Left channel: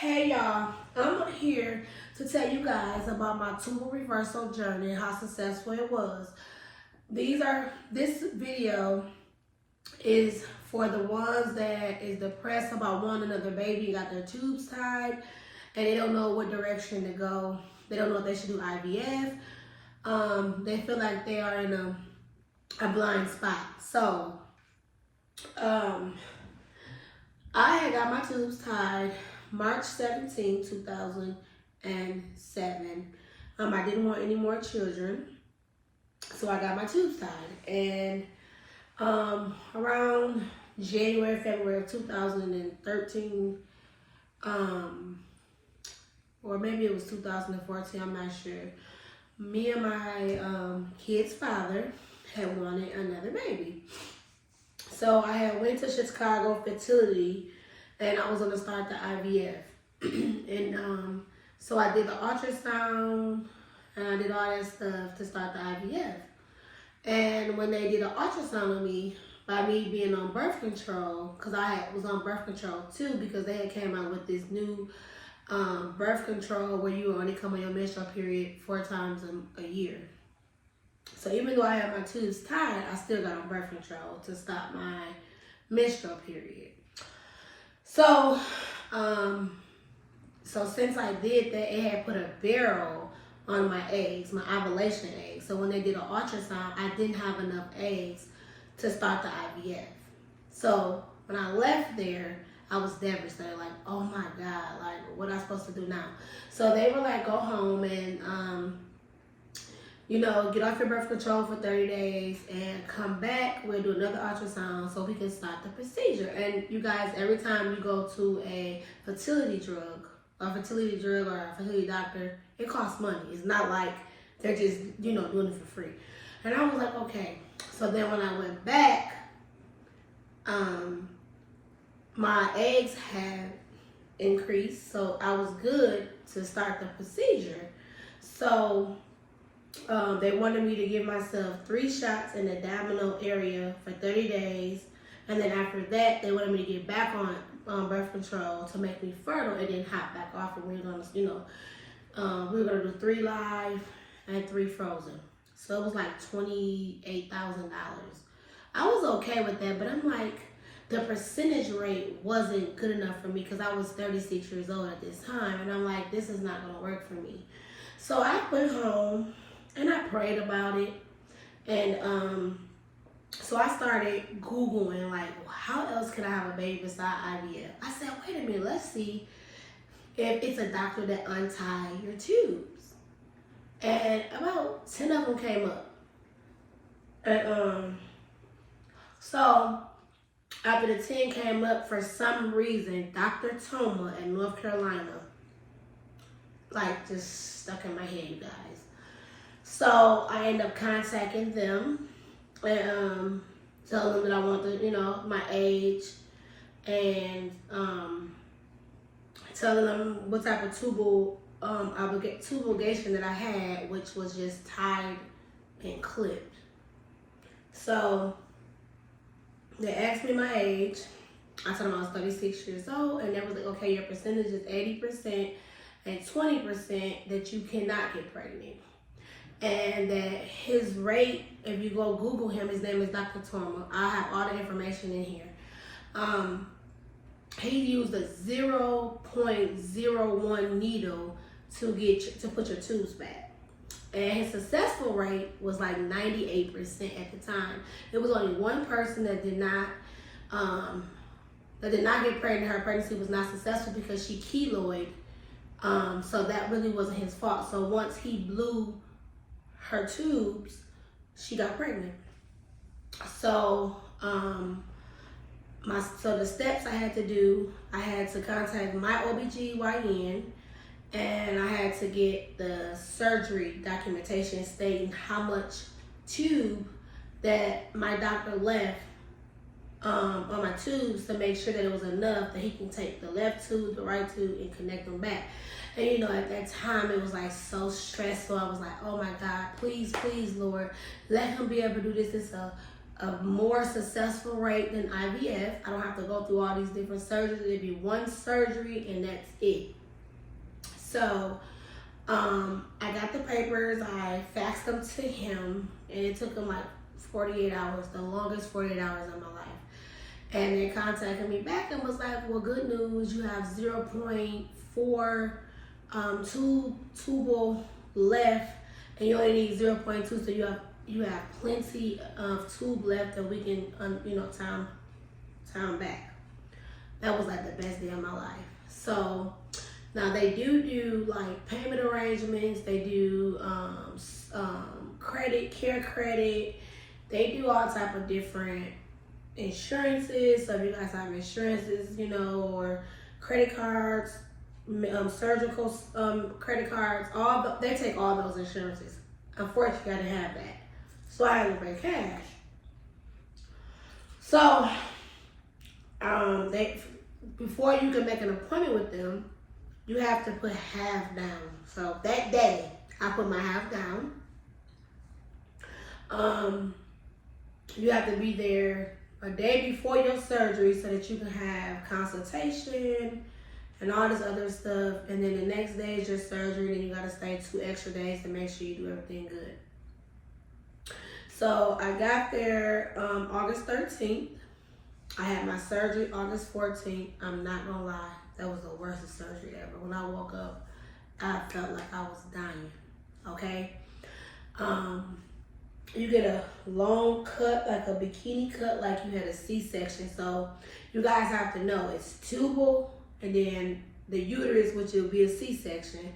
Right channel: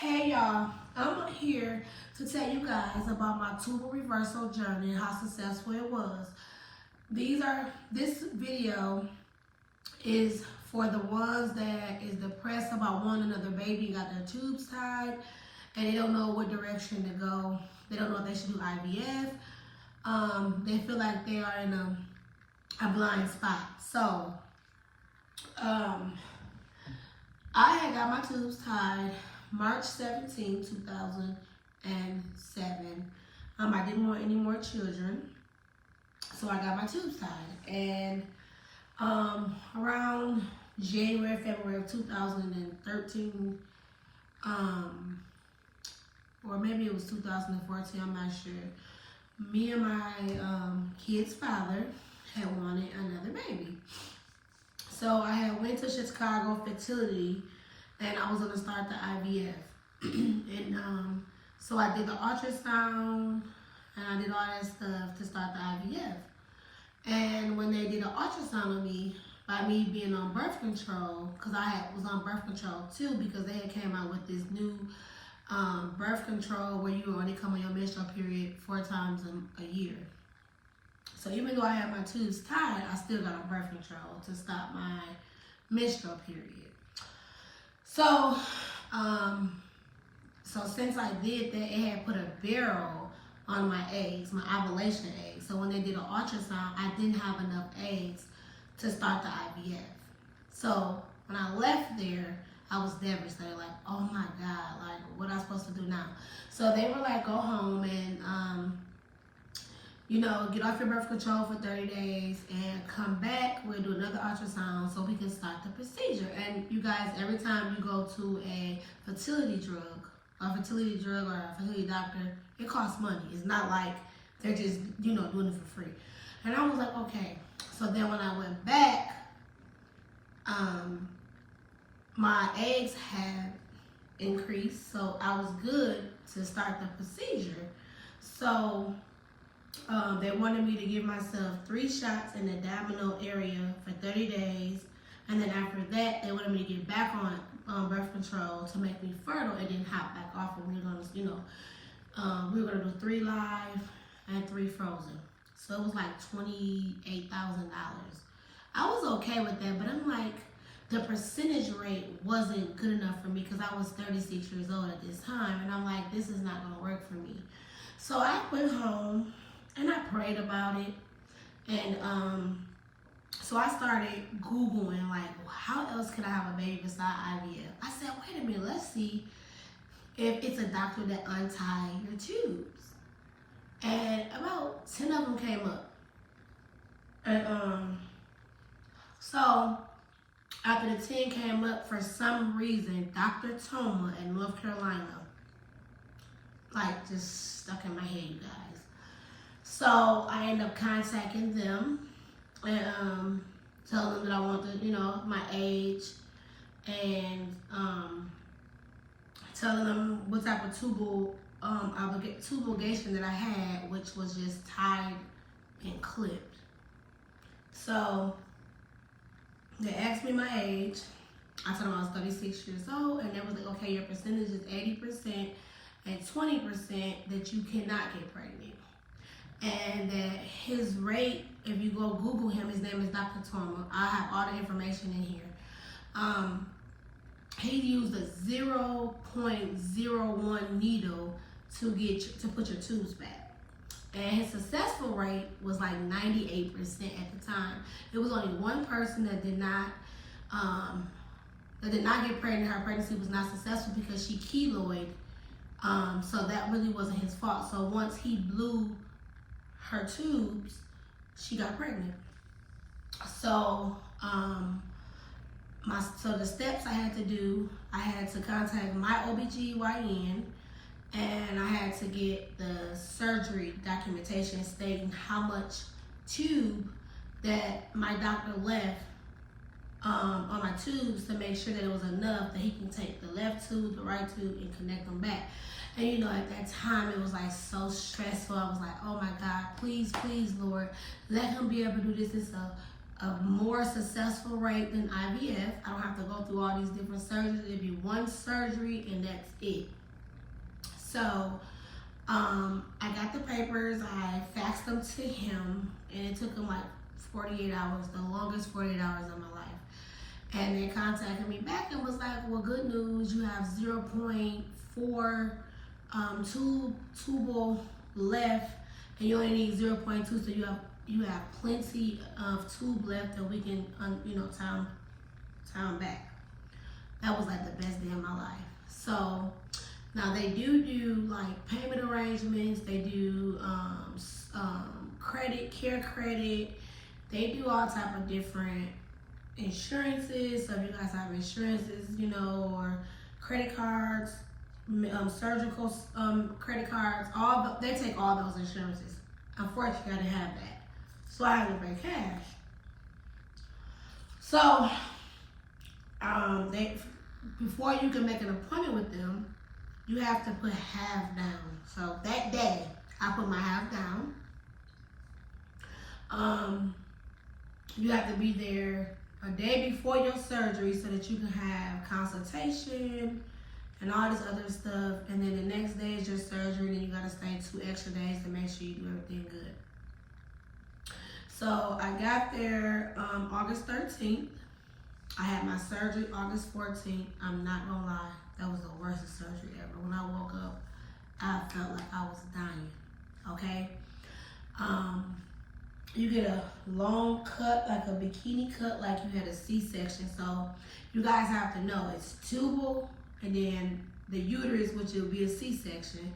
Hey y'all, I'm here to tell you guys about my tubal reversal journey and how successful it was. This video is for the ones that is depressed about wanting another baby, got their tubes tied, and they don't know what direction to go. They don't know if they should do IVF. They feel like they are in a blind spot. So, I had got my tubes tied March 17, 2007. I didn't want any more children, so I got my tubes tied. And around January, February of 2013, or maybe it was 2014, I'm not sure, me and my kid's father had wanted another baby. So I had went to Chicago Fertility, and I was gonna start the IVF. And so I did the ultrasound, and I did all that stuff to start the IVF. And when they did an ultrasound on me, by me being on birth control, because I was on birth control too, because they had came out with this new birth control where you only come on your menstrual period 4 times a year. So even though I had my tubes tied, I still got on birth control to stop my menstrual period. So, since I did that, it had put a barrel on my eggs, my ovulation eggs. So when they did an ultrasound, I didn't have enough eggs to start the IVF. So when I left there, I was devastated, like, oh my God, like, what am I supposed to do now? So they were like, go home and, get off your birth control for 30 days and come back. We'll do another ultrasound so we can start the procedure. And you guys, every time you go to a fertility drug or a fertility doctor, it costs money. It's not like they're just, doing it for free. And I was like, okay. So then when I went back, my eggs had increased, so I was good to start the procedure. So they wanted me to give myself 3 shots in the abdominal area for 30 days. And then after that, they wanted me to get back on birth control to make me fertile and then hop back off. And we were going to, we were going to do 3 live and 3 frozen. So it was like $28,000. I was okay with that, but I'm like, the percentage rate wasn't good enough for me because I was 36 years old at this time. And I'm like, this is not going to work for me. So I went home and I prayed about it. And so I started Googling, like, how else can I have a baby beside IVF? I said, wait a minute, let's see if it's a doctor that untie your tubes. And about 10 of them came up. And so after the 10 came up, for some reason, Dr. Toma in North Carolina, like, just stuck in my head, you guys. So I ended up contacting them and telling them that I want my age, and telling them what type of tubal ligation that I had, which was just tied and clipped. So they asked me my age. I told them I was 36 years old, and they was like, okay, your percentage is 80% and 20% that you cannot get pregnant. And that his rate, if you go Google him, his name is Dr. Toma. I have all the information in here. He used a 0.01 needle to put your tubes back. And his successful rate was like 98% at the time. It was only one person that did not get pregnant. Her pregnancy was not successful because she keloid. So that really wasn't his fault. So once he blew her tubes, she got pregnant. So the steps I had to do, I had to contact my OBGYN, and I had to get the surgery documentation stating how much tube that my doctor left on my tubes to make sure that it was enough that he can take the left tube, the right tube, and connect them back. And at that time, it was like so stressful. I was like, oh my God, please, please, Lord, let him be able to do this. It's a a more successful rate than IVF. I don't have to go through all these different surgeries. It'd be one surgery and that's it. So I got the papers, I faxed them to him, and it took him like 48 hours, the longest 48 hours of my life. And they contacted me back and was like, well, good news, you have 0.4 tubal left, and you only need 0.2, so you have plenty of tube left that we can, time back. That was like the best day of my life. So now they do like payment arrangements. They do care credit. They do all type of different insurances. So if you guys have insurances, or credit cards, surgical credit cards, they take all those insurances. Unfortunately, I didn't have that, so I had to pay cash. So before you can make an appointment with them, you have to put half down. So that day, I put my half down. You have to be there a day before your surgery so that you can have consultation and all this other stuff. And then the next day is your surgery, and then you gotta stay 2 extra days to make sure you do everything good. So I got there August 13th. I had my surgery August 14th. I'm not gonna lie, that was the worst surgery ever. When I woke up, I felt like I was dying, okay? You get a long cut, like a bikini cut, like you had a C-section. So you guys have to know, it's tubal, and then the uterus, which will be a C-section,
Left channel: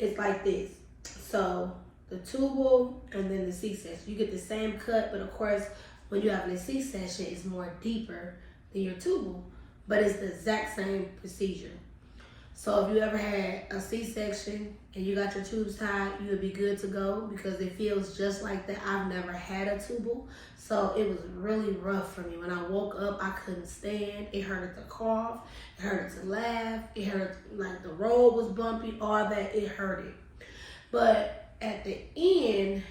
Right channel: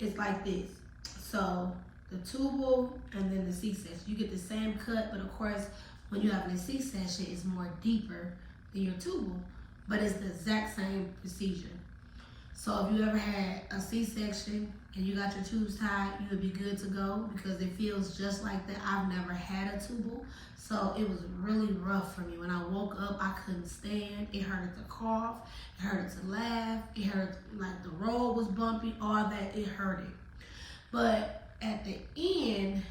it's like this. So the tubal and then the C-section, you get the same cut, but of course, when you have a C-section, it's more deeper than your tubal, but it's the exact same procedure. So if you ever had a C-section and you got your tubes tied, you would be good to go because it feels just like that. I've never had a tubal, so it was really rough for me. When I woke up, I couldn't stand. It hurted to cough, it hurted to laugh, it hurt like the road was bumpy, all that, it hurted. But at the end,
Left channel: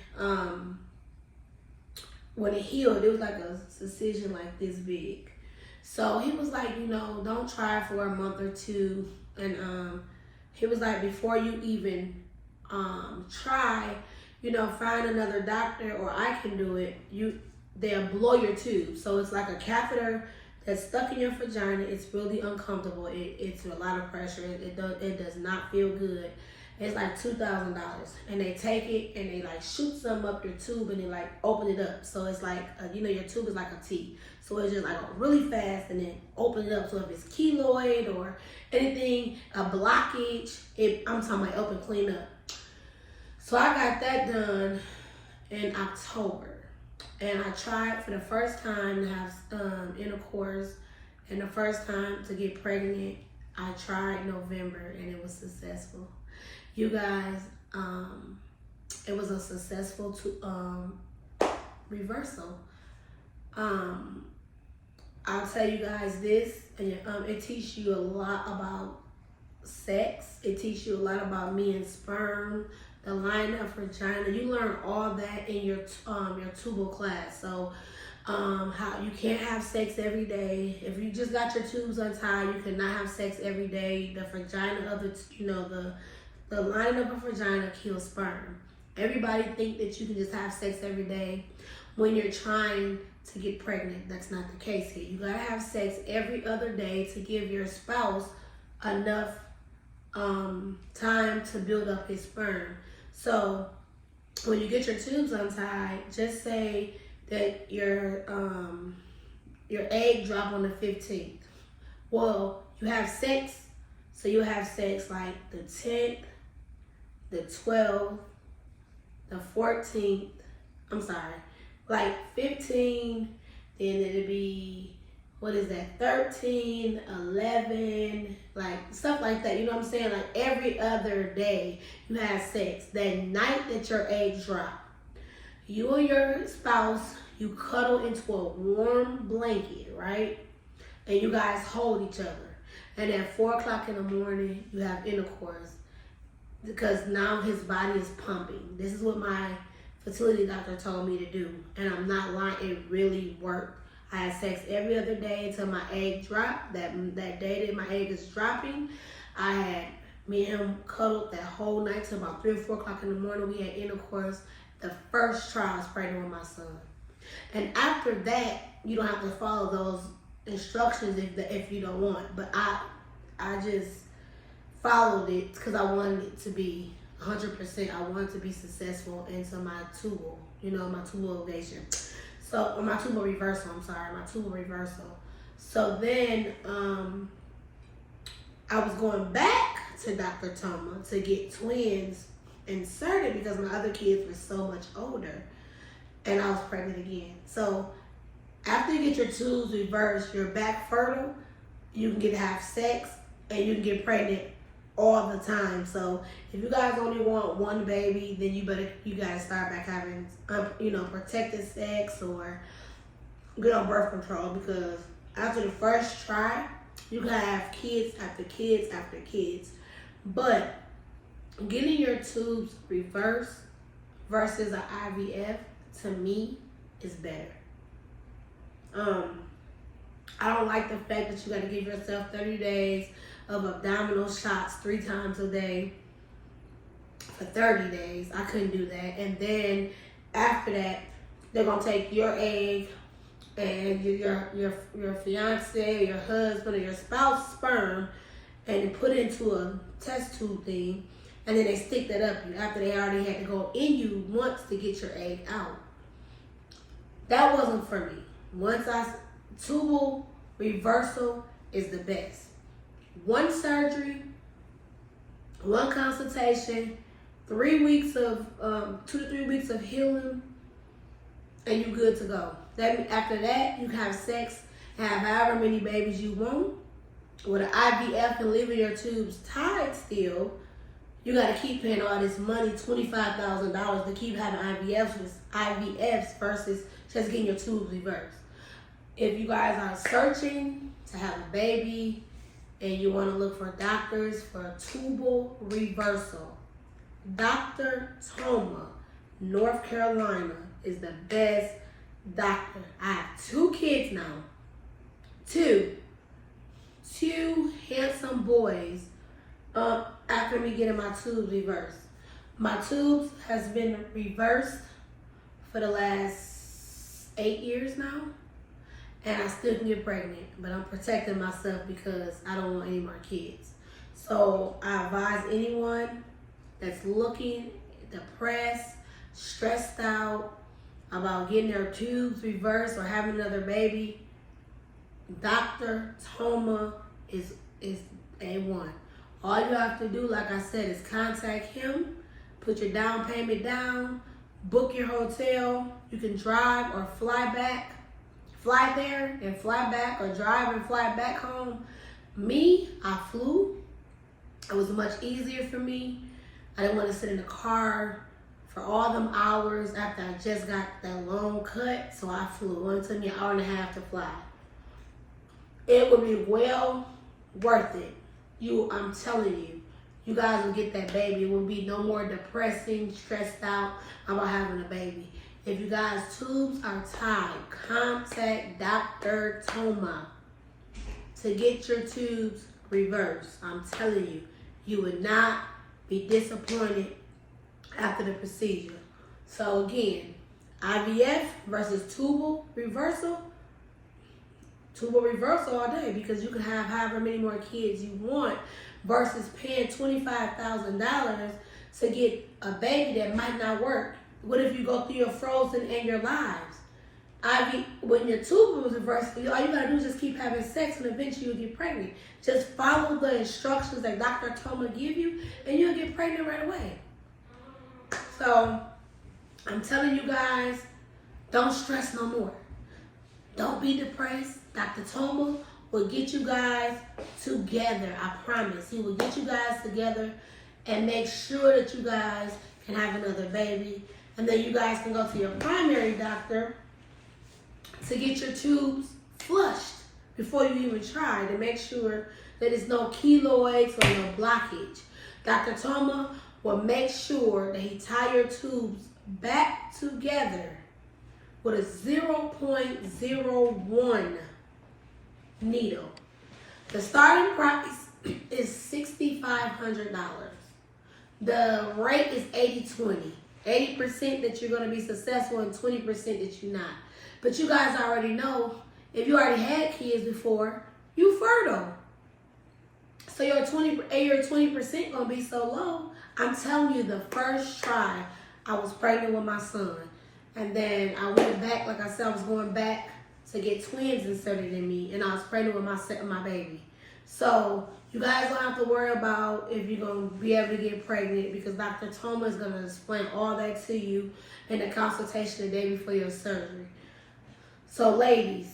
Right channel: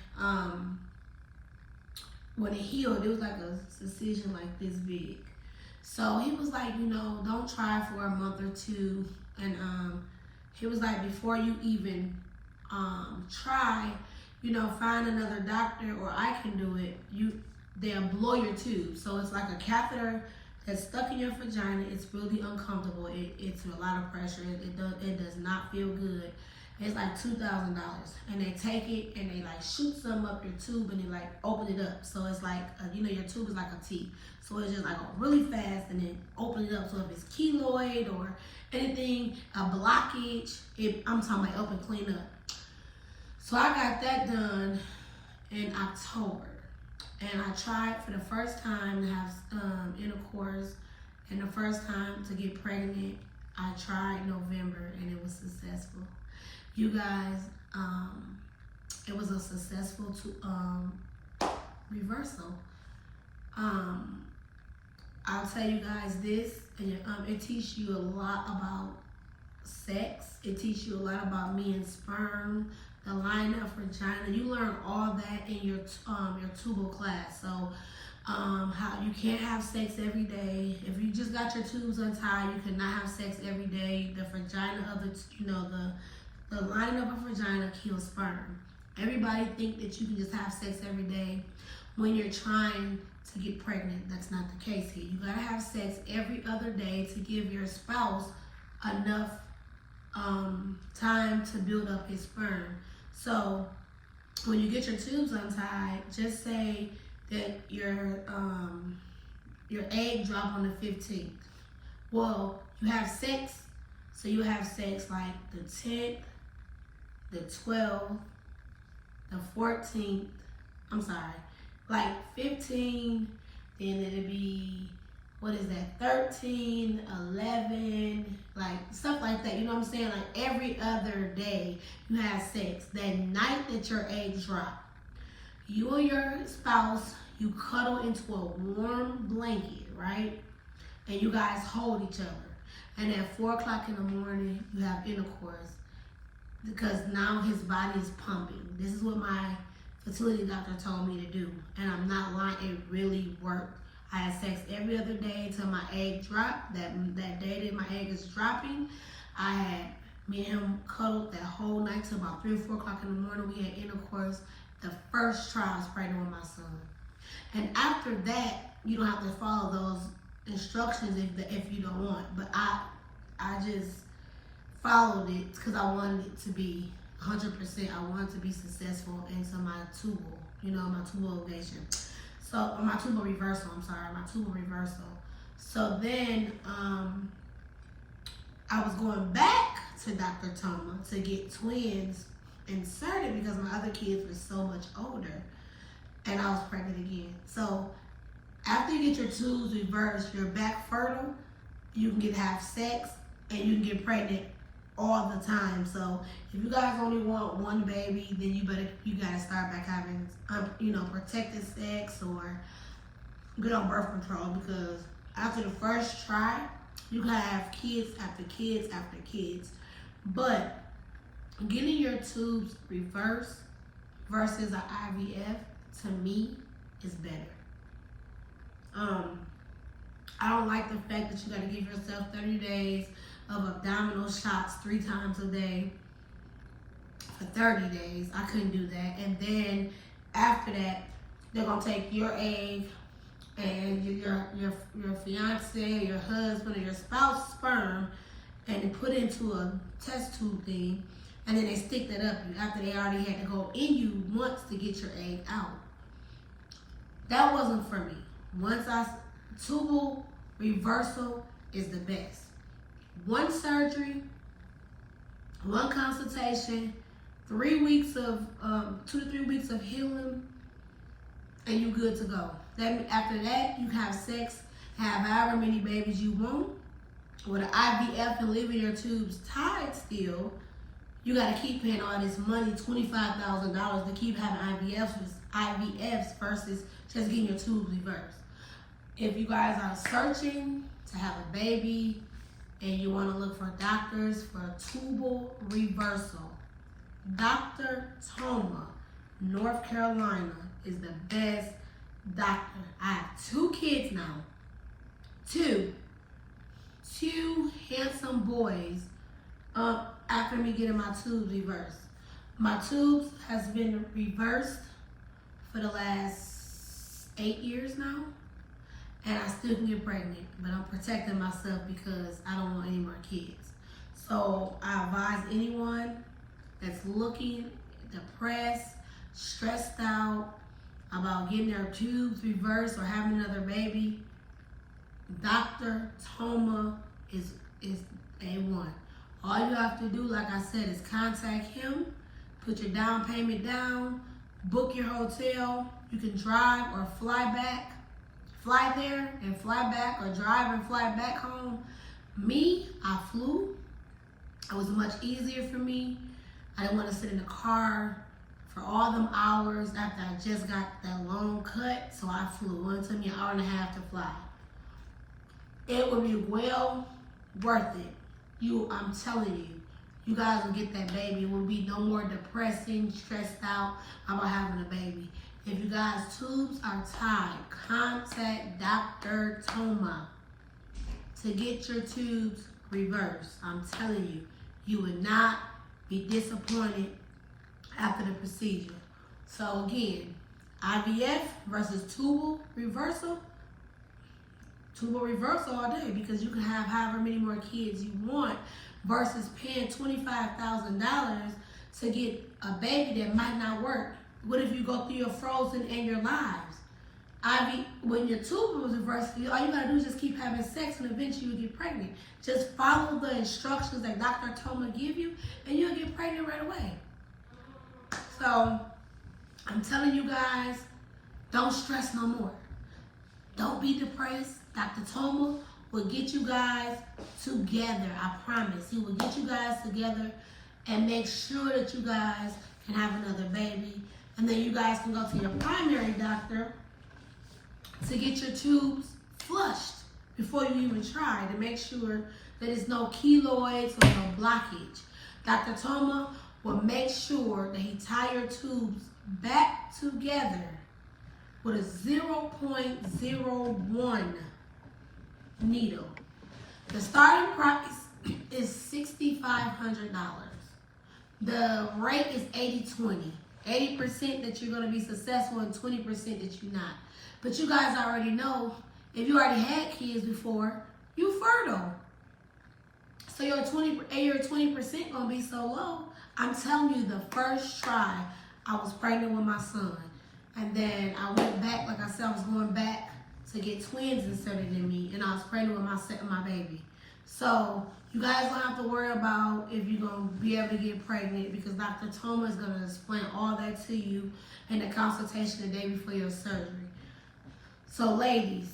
when it healed, it was like a incision like this big. So he was like, don't try for a month or two. And he was like, before you even try, find another doctor, or I can do it, they'll blow your tube. So it's like a catheter that's stuck in your vagina. It's really uncomfortable. It's a lot of pressure. It does not feel good. It's like $2,000, and they take it and they like shoot some up your tube and they like open it up. So it's like your tube is like a T. So it's just like really fast, and then open it up. So if it's keloid or anything, a blockage, I'm talking about open, clean up. So I got that done in October, and I tried for the first time to have intercourse, and the first time to get pregnant, I tried November, and it was successful. You guys, it was a successful reversal. I'll tell you guys this, and it teaches you a lot about sex. It teaches you a lot about me and sperm, the line of vagina. You learn all that in your tubal class. So how you can't have sex every day. If you just got your tubes untied, you cannot have sex every day. The vagina of the lining of a vagina kills sperm. Everybody think that you can just have sex every day when you're trying to get pregnant. That's not the case here. You gotta have sex every other day to give your spouse enough time to build up his sperm. So when you get your tubes untied, just say that your egg drop on the 15th. Well, you have sex, so you'll have sex like the 10th, the 12th, the 14th, I'm sorry, like 15, then it'll be, 13, 11, like stuff like that. You know what I'm saying? Like every other day you have sex. That night that your eggs drop, you and your spouse, you cuddle into a warm blanket, right? And you guys hold each other. And at 4 o'clock in the morning, you have intercourse, because now his body is pumping. This is what my fertility doctor told me to do. And I'm not lying, it really worked. I had sex every other day until my egg dropped. That day that my egg is dropping, I had me and him cuddled that whole night till about 3 or 4 o'clock in the morning. We had intercourse. The first try I was pregnant with my son. And after that, you don't have to follow those instructions if you don't want. But I just followed it because I wanted it to be 100%. I wanted to be successful into my tubal, my tubal ligation. So, or my tubal reversal, my tubal reversal. So then I was going back to Dr. Toma to get twins inserted because my other kids were so much older and I was pregnant again. So after you get your tubes reversed, you're back fertile, you can get to have sex and you can get pregnant all the time. So if you guys only want one baby, then you gotta start back having protected sex or get on birth control, because after the first try, you can have kids after kids after kids. But getting your tubes reversed versus an IVF, to me, is better. I don't like the fact that you got to give yourself 30 days of abdominal shots 3 times a day for 30 days. I couldn't do that. And then after that, they're gonna take your egg and your fiance, your husband, or your spouse sperm and put it into a test tube thing, and then they stick that up you after they already had to go in you once to get your egg out. That wasn't for me. Tubal reversal is the best. 1 surgery, 1 consultation, 3 weeks of 2 to 3 weeks of healing, and you good to go. After that, you can have sex and have however many babies you want. With an IVF and leaving your tubes tied still, you got to keep paying all this money, $25,000, to keep having IVFs versus just getting your tubes reversed. If you guys are searching to have a baby and you want to look for doctors for tubal reversal, Dr. Toma, North Carolina, is the best doctor. I have 2 kids now. 2 handsome boys after me getting my tubes reversed. My tubes has been reversed for the last 8 years now, and I still can get pregnant, but I'm protecting myself because I don't want any more kids. So I advise anyone that's looking, depressed, stressed out about getting their tubes reversed or having another baby, Dr. Toma is A1. All you have to do, like I said, is contact him, put your down payment down, book your hotel. You can drive or fly there and fly back, or drive and fly back home. Me, I flew. It was much easier for me. I didn't want to sit in the car for all them hours after I just got that long cut, so I flew. It took me an hour and a half to fly. It would be well worth it. I'm telling you, you guys will get that baby. It will be no more depressing, stressed out about having a baby. If you guys' tubes are tied, contact Dr. Toma to get your tubes reversed. I'm telling you, you would not be disappointed after the procedure. So again, IVF versus tubal reversal all day, because you can have however many more kids you want versus paying $25,000 to get a baby that might not work. What if you go through your frozen and your lives? When your tubal was reversed, all you gotta do is just keep having sex and eventually you'll get pregnant. Just follow the instructions that Dr. Toma give you and you'll get pregnant right away. So I'm telling you guys, don't stress no more. Don't be depressed. Dr. Toma will get you guys together. I promise. He will get you guys together and make sure that you guys can have another baby. And then you guys can go to your primary doctor to get your tubes flushed before you even try, to make sure that there's no keloids or no blockage. Dr. Toma will make sure that he tie your tubes back together with a 0.01 needle. The starting price is $6,500. The rate is 80-20. 80% that you're going to be successful and 20% that you're not. But you guys already know, if you already had kids before, you fertile. So your 20% going to be so low. I'm telling you, the first try, I was pregnant with my son. And then I went back, like I said, I was going back to get twins inserted in me. And I was pregnant with my baby. So you guys don't have to worry about if you're going to be able to get pregnant, because Dr. Toma is going to explain all that to you in the consultation the day before your surgery. So ladies,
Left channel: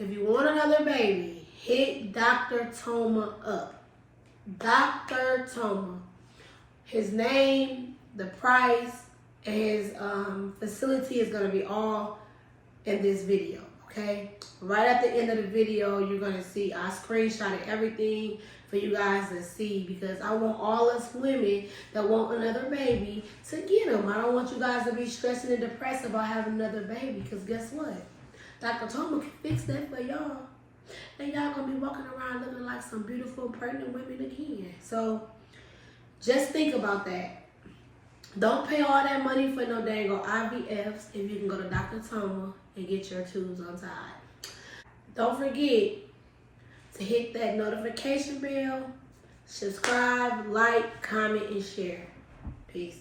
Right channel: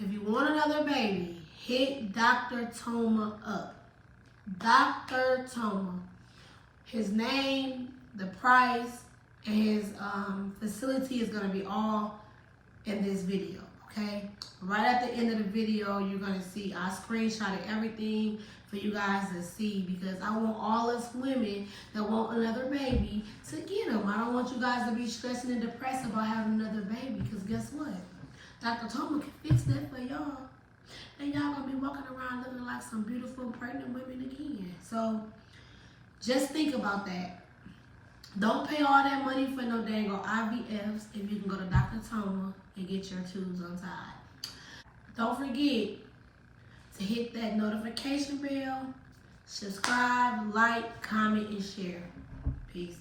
if you want another baby, hit Dr. Toma up. Dr. Toma. His name, the price, and his facility is going to be all in this video, okay? Right at the end of the video, you're going to see I screenshotted everything for you guys to see, because I want all us women that want another baby to get them. I don't want you guys to be stressing and depressed about having another baby, because guess what? Dr. Toma can fix that for y'all. And y'all going to be walking around looking like some beautiful pregnant women again. So just think about that. Don't pay all that money for no dang IVFs if you can go to Dr. Toma and get your tubes untied. Don't forget to hit that notification bell, subscribe, like, comment, and share. Peace.